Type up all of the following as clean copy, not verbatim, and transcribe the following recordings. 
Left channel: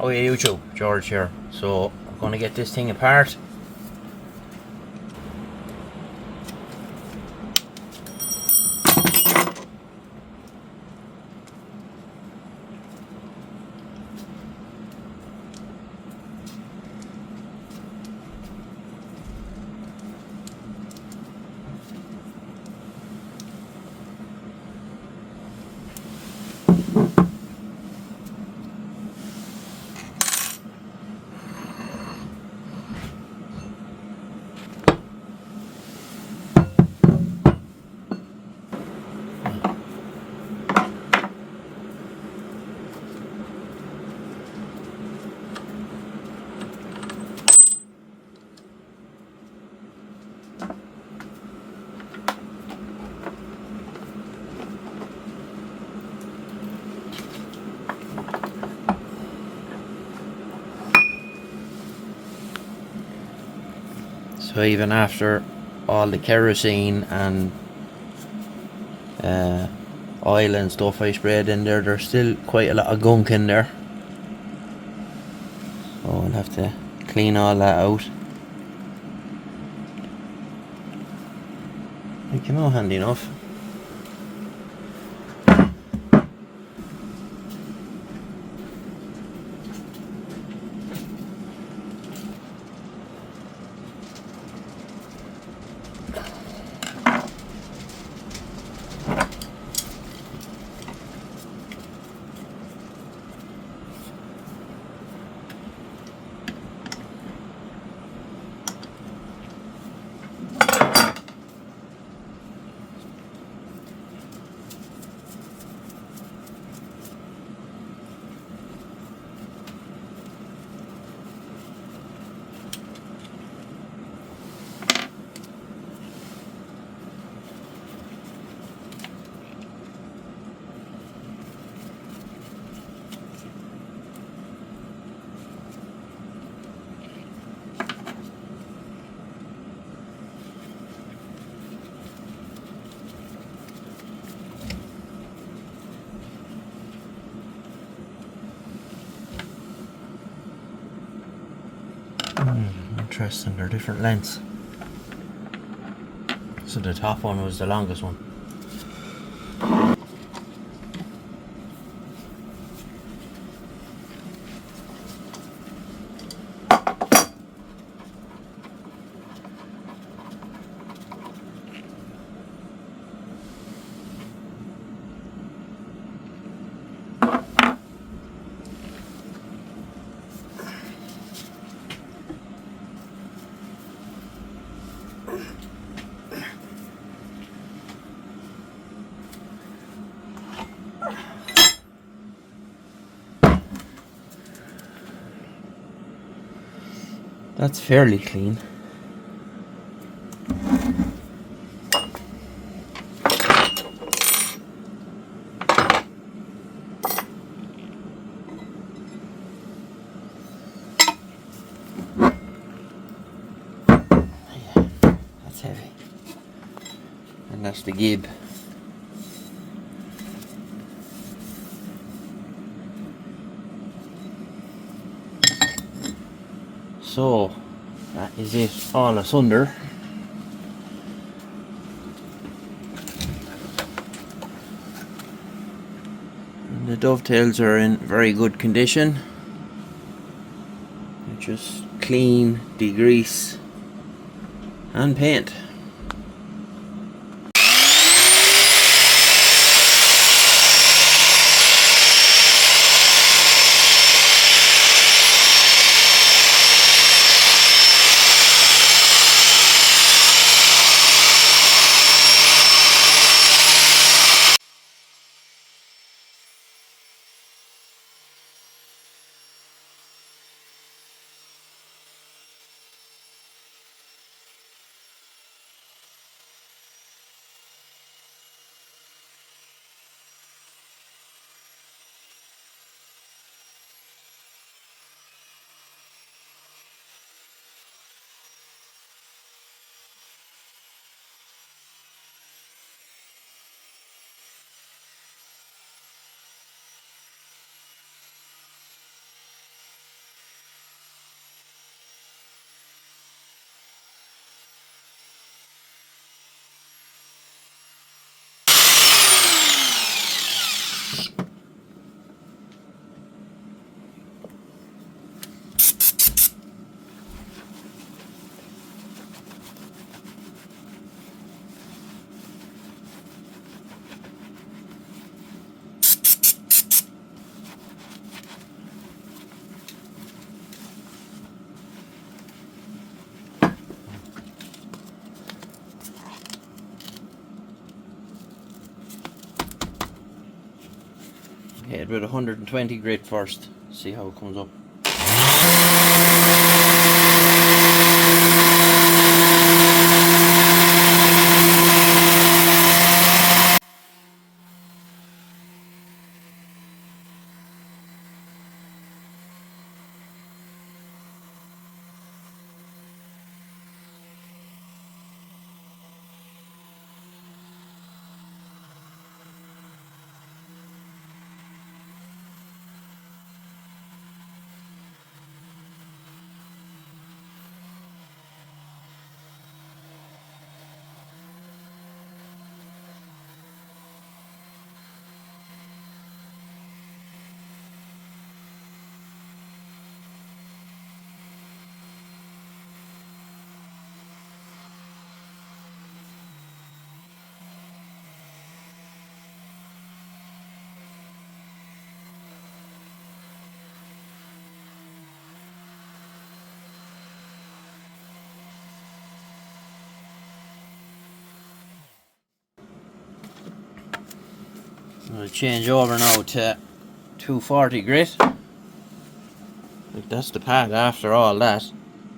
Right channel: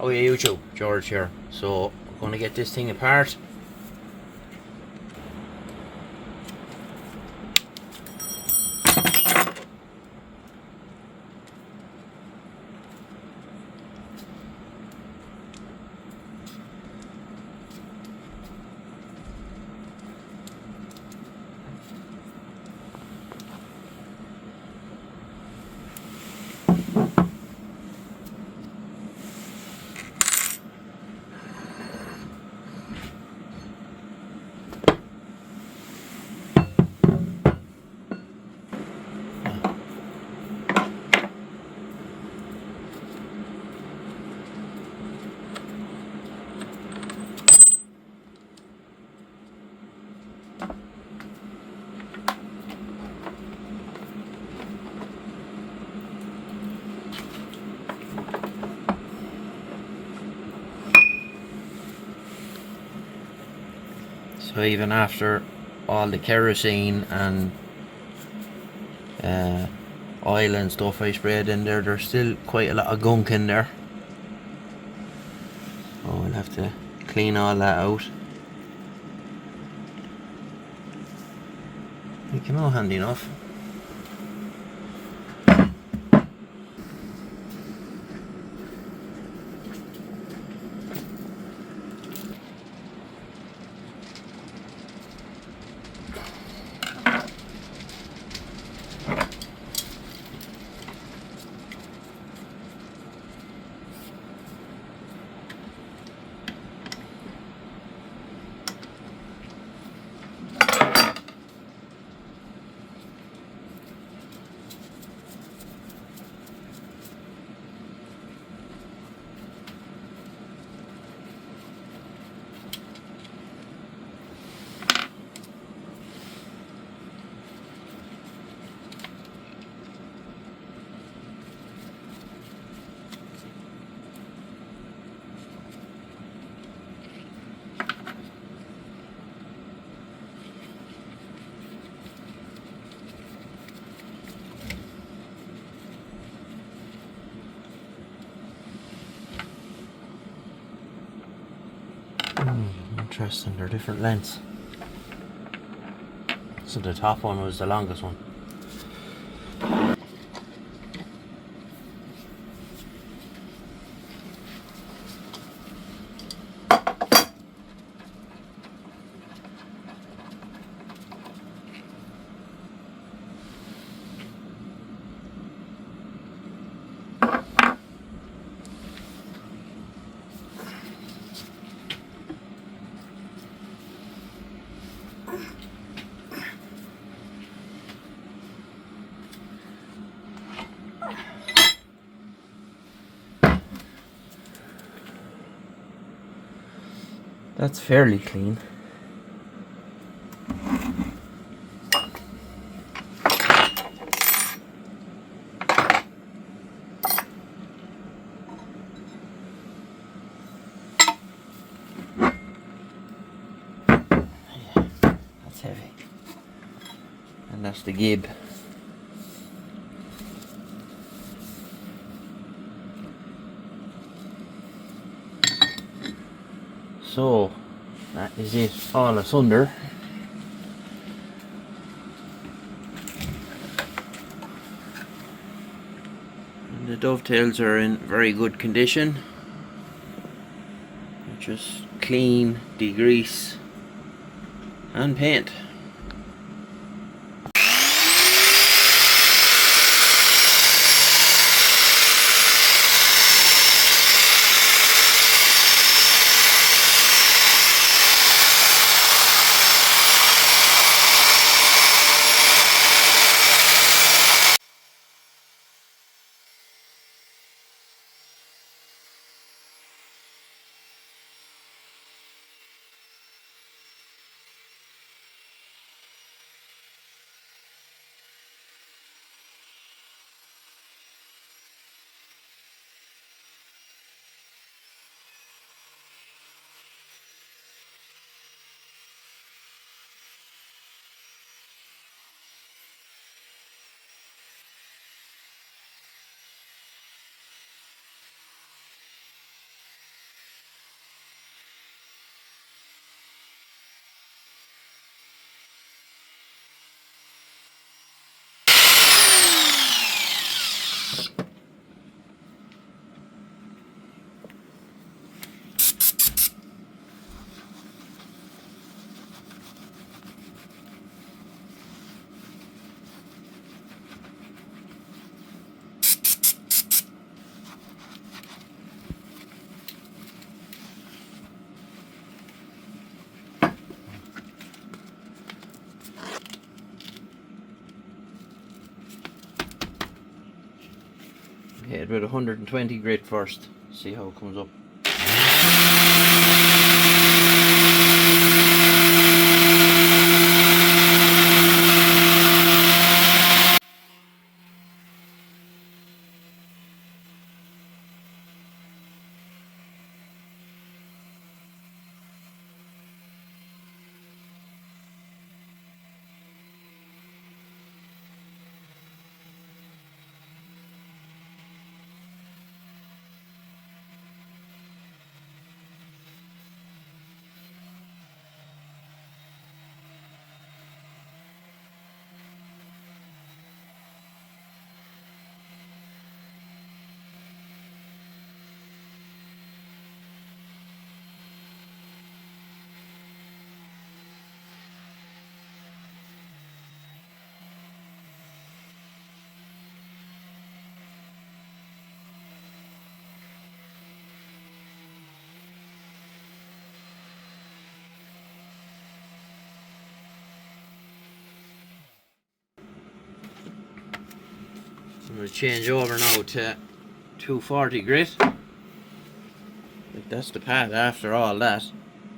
How are you two? George here. So we're going to get this thing apart. So even after all the kerosene and oil and stuff I sprayed in there, there's still quite a lot of gunk in there. So I'll have to clean all that out. You know, handy enough. Interesting, they're different lengths. So the top one was the longest one. That's fairly clean. That's heavy. And that's the gib. So that is it all asunder. And the dovetails are in very good condition. Just clean, degrease and paint. Hit it with 120 grit first, see how it comes up. I'm going to change over now to 240 grit. Like, that's the pad after all that.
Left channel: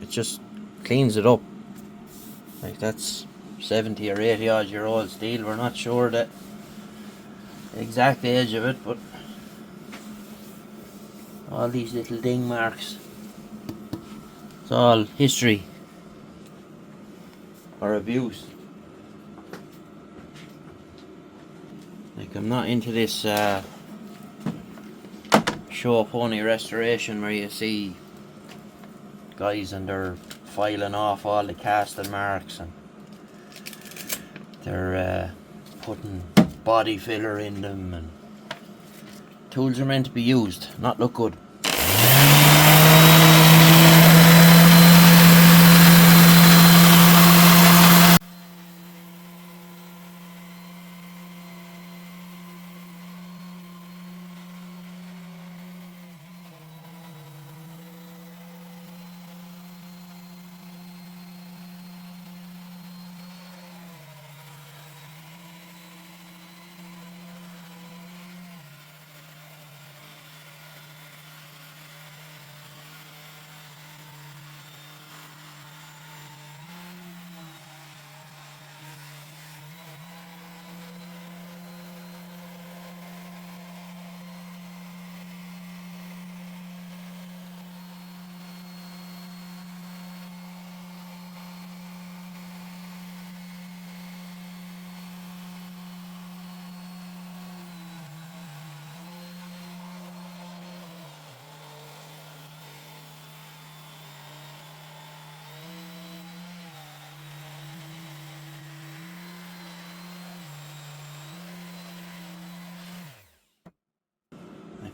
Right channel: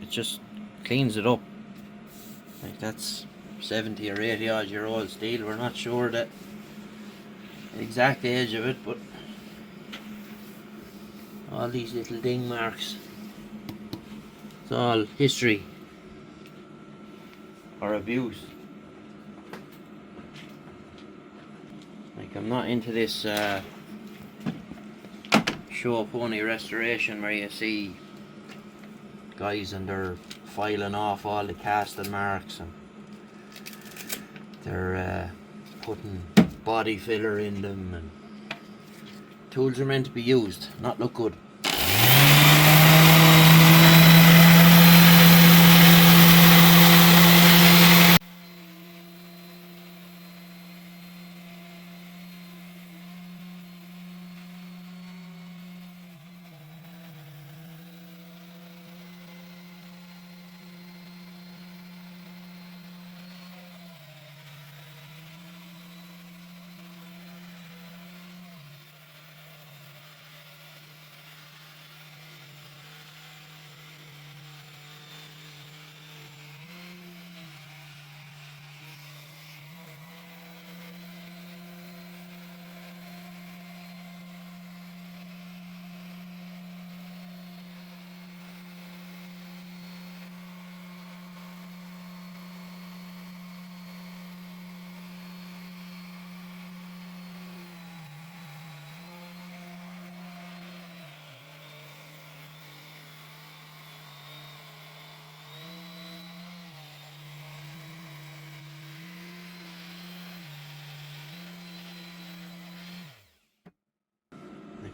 It just cleans it up. Like, that's 70 or 80 odd year old steel. We're not sure the exact age of it, but all these little ding marks, it's all history or abuse. Like, I'm not into this show pony restoration where you see guys and they're filing off all the casting marks and they're putting body filler in them, and tools are meant to be used, not look good.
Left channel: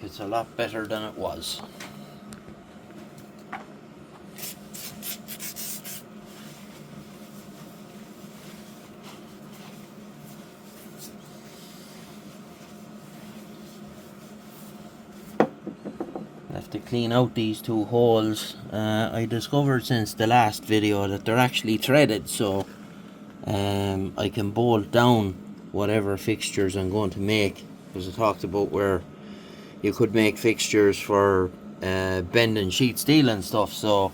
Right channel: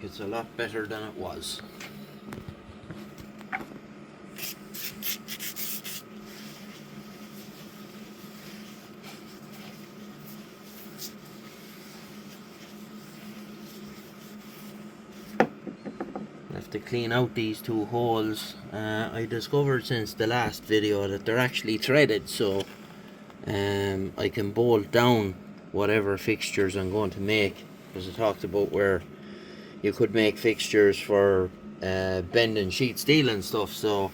It's a lot better than it was. I have to clean out these two holes. I discovered since the last video that they're actually threaded, so I can bolt down whatever fixtures I'm going to make, because I talked about where you could make fixtures for bending sheet steel and stuff, so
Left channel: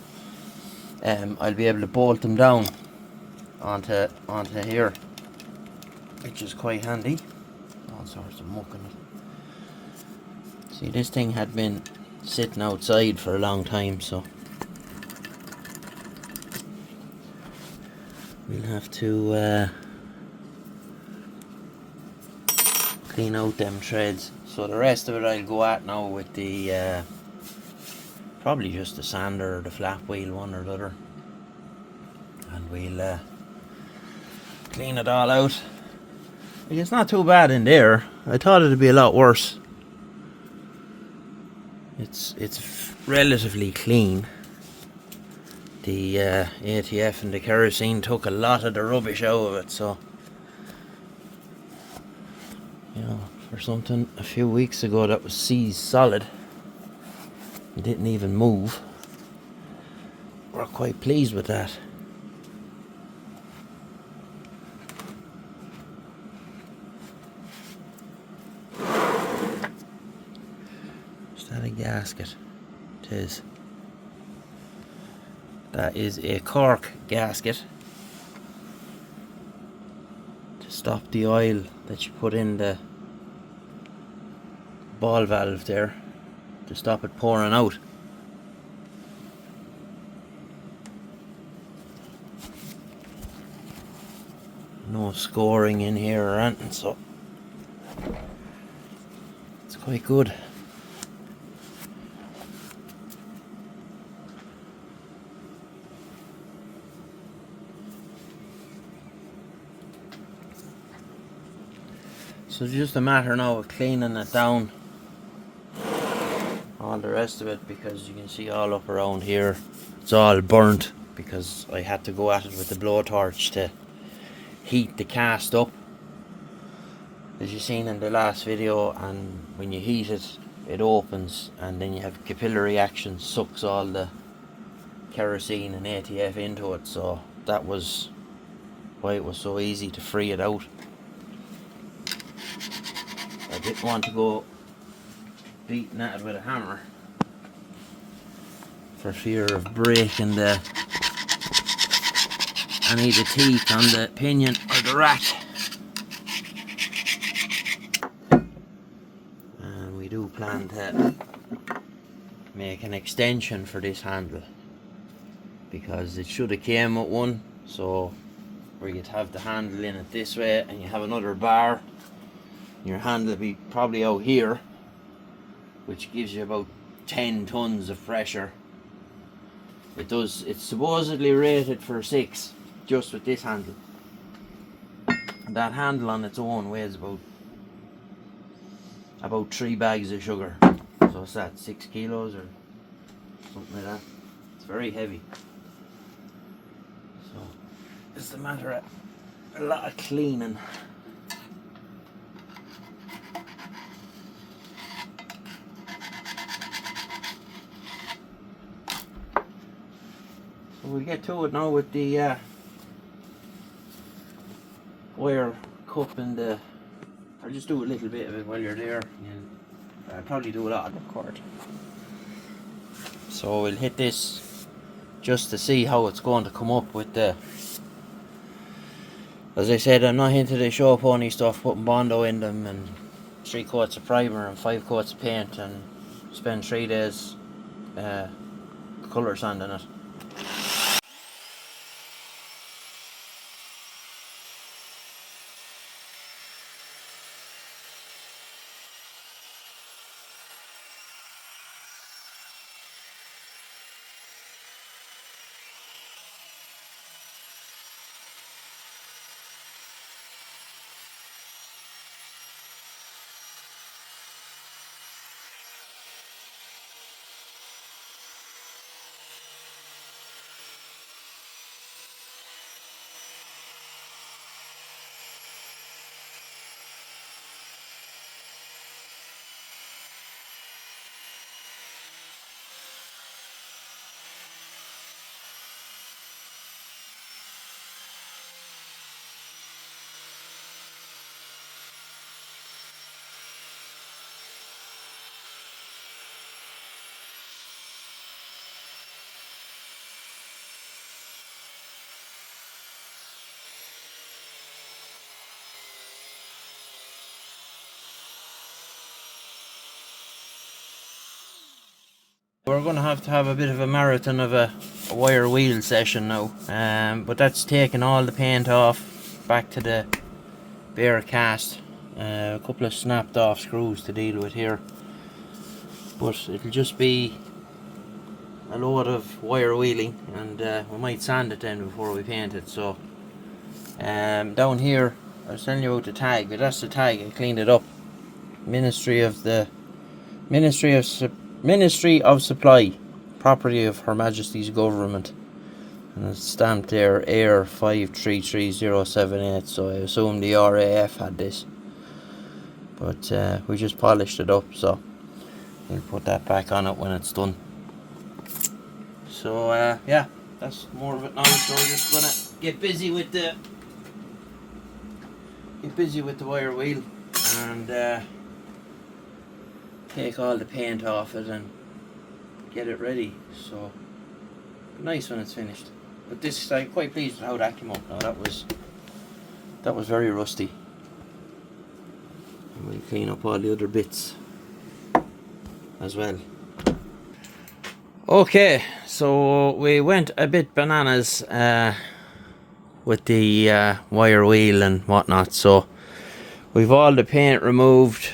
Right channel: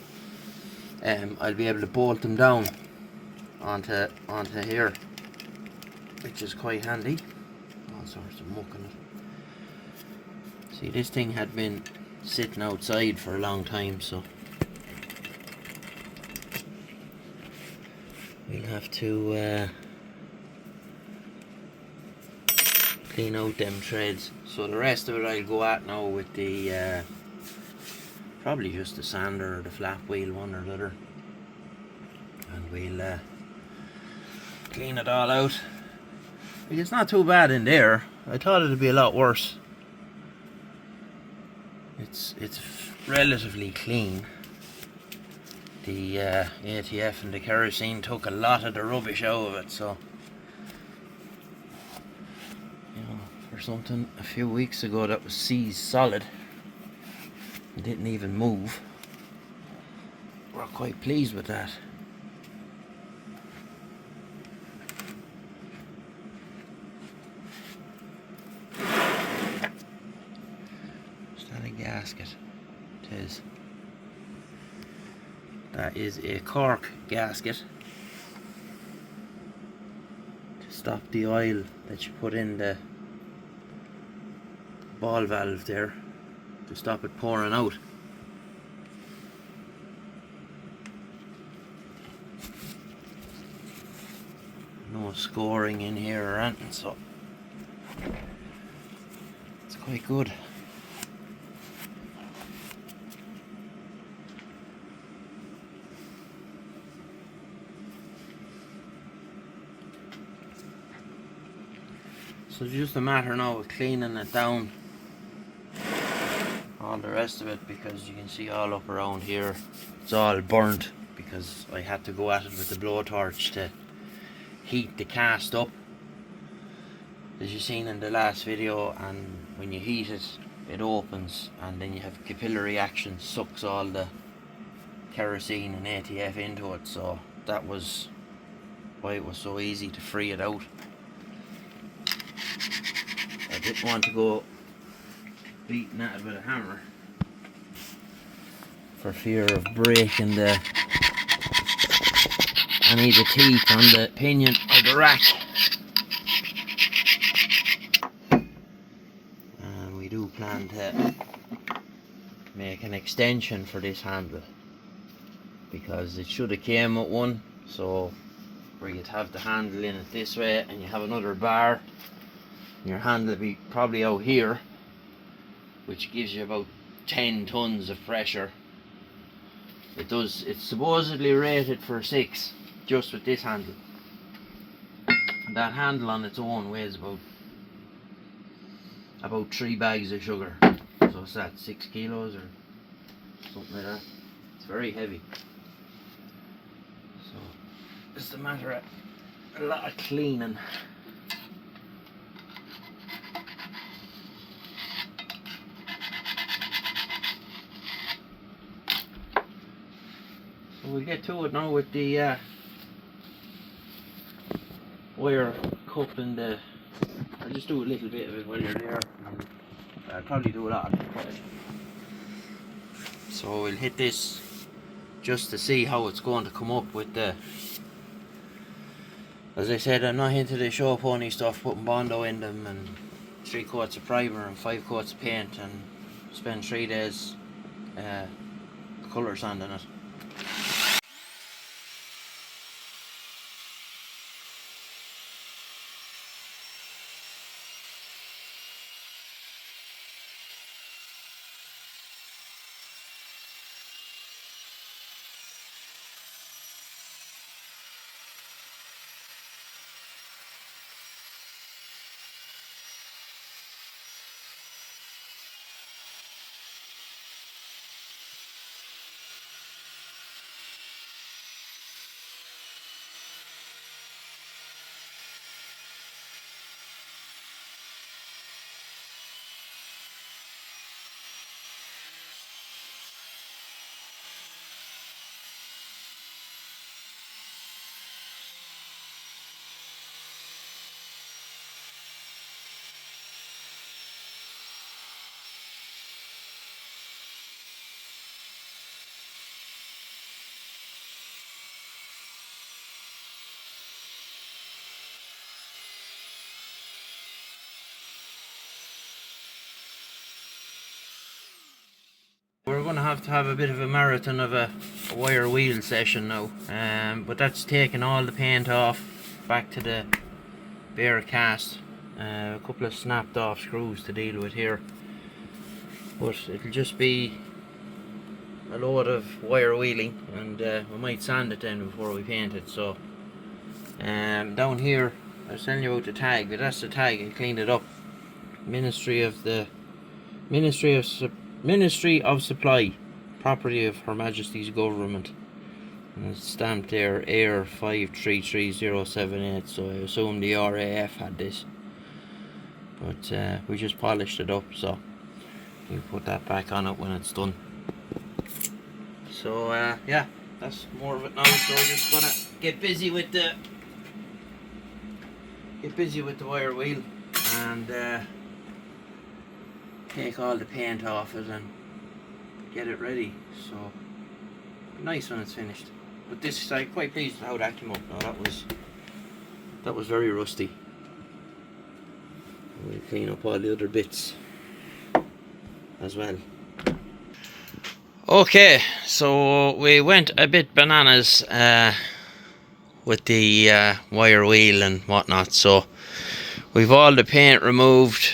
I'll be able to bolt them down onto here, which is quite handy. All sorts of muck in it. See, this thing had been sitting outside for a long time, so we'll have to clean out them threads. So the rest of it I'll go at now with the probably just the sander or the flat wheel, one or the other, and we'll clean it all out. It's not too bad in there. I thought it'd be a lot worse. It's relatively clean. The ATF and the kerosene took a lot of the rubbish out of it, so you know, for something a few weeks ago that was seized solid, it didn't even move. We're quite pleased with that. gasket. It is. That is a cork gasket to stop the oil that you put in the ball valve there, to stop it pouring out. No scoring in here or anything, so it's quite good. So it's just a matter now of cleaning it down, all the rest of it, because you can see all up around here it's all burnt because I had to go at it with the blowtorch to heat the cast up, as you seen in the last video, and when you heat it, it opens and then you have capillary action, sucks all the kerosene and ATF into it, so that was why it was so easy to free it out. I didn't want to go beating at it with a hammer for fear of breaking any of the teeth on the pinion or the rack. And we do plan to make an extension for this handle, because it should have came with one, so where you'd have the handle in it this way and you have another bar, and your handle will be probably out here, which gives you about 10 tons of pressure. It's supposedly rated for 6 just with this handle. And that handle on its own weighs about 3 bags of sugar. So it's that 6 kilos or something like that. It's very heavy. So it's a matter of a lot of cleaning. So we'll get to it now with the wire cup and the... I'll just do a little bit of it while you're there, and I'll probably do a lot of the cord. So we'll hit this just to see how it's going to come up with the... As I said, I'm not into the show pony stuff, putting Bondo in them and 3 coats of primer and 5 coats of paint and spend 3 days colour sanding it. We're going to have a bit of a marathon of a wire wheel session now, but that's taking all the paint off, back to the bare cast, a couple of snapped off screws to deal with here, but it'll just be a load of wire wheeling, and we might sand it then before we paint it. So down here I was telling you about the tag, but that's the tag. I cleaned it up. Ministry of Supply, property of Her Majesty's Government, and it's stamped there Air 533078, so I assume the RAF had this, but we just polished it up, so we'll put that back on it when it's done. So yeah, that's more of it now. So we're just gonna get busy with the wire wheel and take all the paint off it and get it ready. So nice when it's finished. But this, I'm quite pleased with how that came out. Now that was very rusty. And we'll clean up all the other bits as well. Okay, so we went a bit bananas with the wire wheel and whatnot. So we've all the paint removed,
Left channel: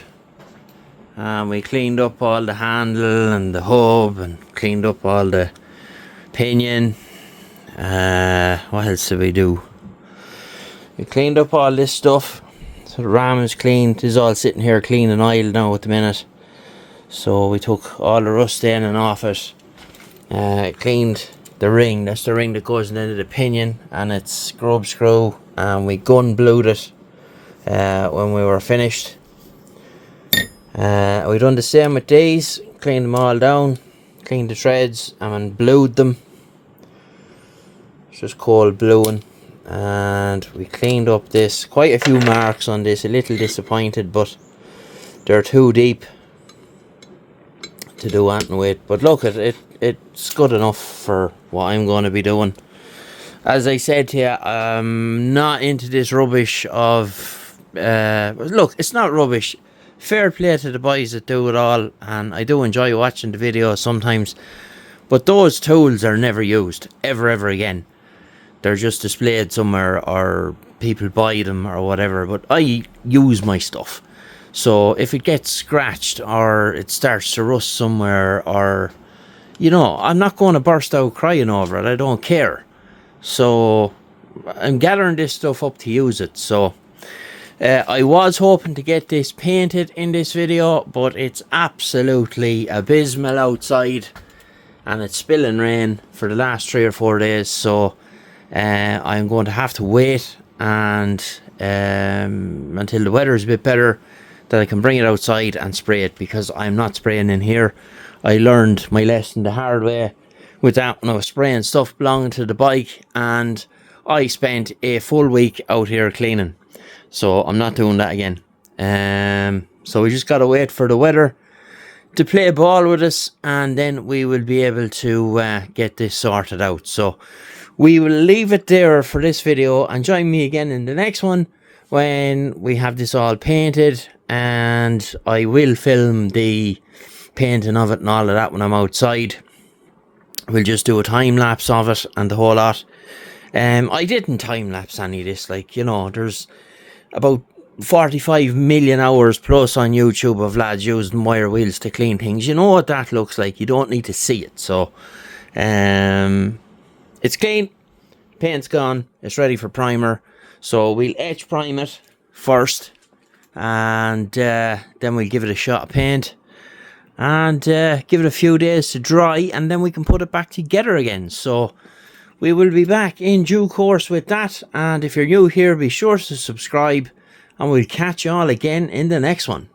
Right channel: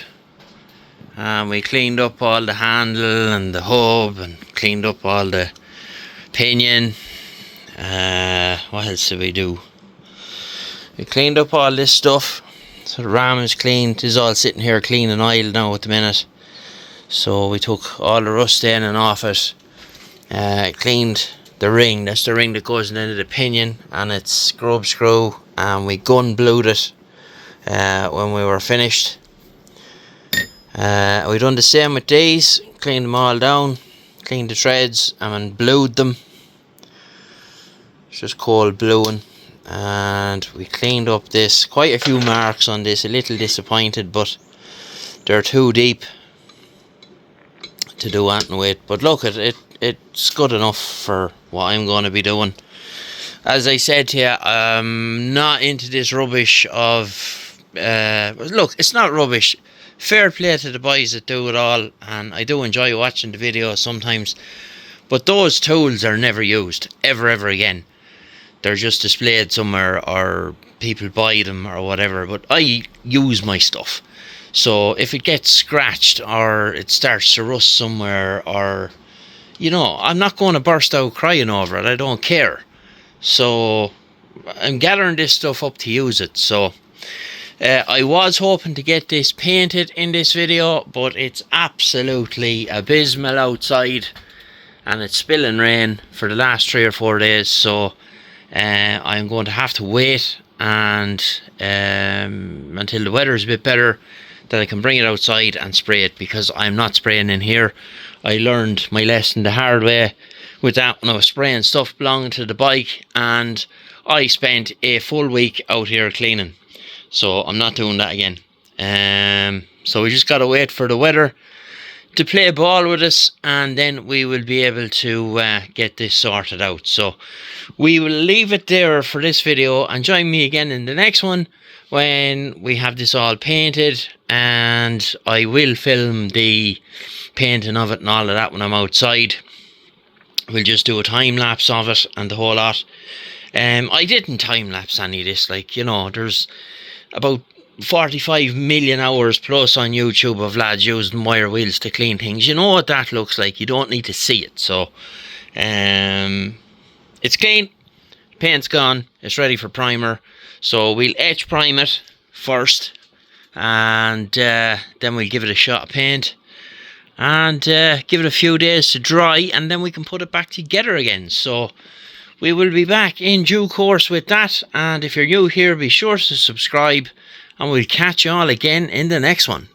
and we cleaned up all the handle and the hub, and cleaned up all the pinion. What else did we do? We cleaned up all this stuff. So the ram is cleaned. It's all sitting here clean and oiled now at the minute. So we took all the rust in and off it. Cleaned the ring. That's the ring that goes into the pinion, and it's scrub screw, and we gun blued it when we were finished. We done the same with these. Cleaned them all down, cleaned the threads, and blued them. It's just cold bluing. And we cleaned up this. Quite a few marks on this. A little disappointed, but they're too deep to do anything with. But look, it's good enough for what I'm going to be doing. As I said to you, I'm not into this rubbish of look, it's not rubbish. Fair play to the boys that do it all, and I do enjoy watching the videos sometimes, but those tools are never used ever again. They're just displayed somewhere, or people buy them or whatever, but I use my stuff. So if it gets scratched or it starts to rust somewhere, or you know, I'm not going to burst out crying over it. I don't care. So I'm gathering this stuff up to use it. So I was hoping to get this painted in this video, but it's absolutely abysmal outside, and it's spilling rain for the last 3 or 4 days. So I'm going to have to wait and until the weather is a bit better, that I can bring it outside and spray it, because I'm not spraying in here. I learned my lesson the hard way with that when I was spraying stuff belonging to the bike, and I spent a full week out here cleaning. So I'm not doing that again. So we just got to wait for the weather to play ball with us, and then we will be able to get this sorted out. So we will leave it there for this video, and join me again in the next one when we have this all painted, and I will film the painting of it and all of that when I'm outside. We'll just do a time lapse of it and the whole lot. I didn't time lapse any of this, like, you know, there's about 45 million hours plus on YouTube of lads using wire wheels to clean things. You know what that looks like. You don't need to see it. So it's clean, paint's gone, it's ready for primer. So we'll etch prime it first, and then we'll give it a shot of paint, and give it a few days to dry, and then we can put it back together again. So we will be back in due course with that. And if you're new here, be sure to subscribe, and we'll catch you all again in the next one.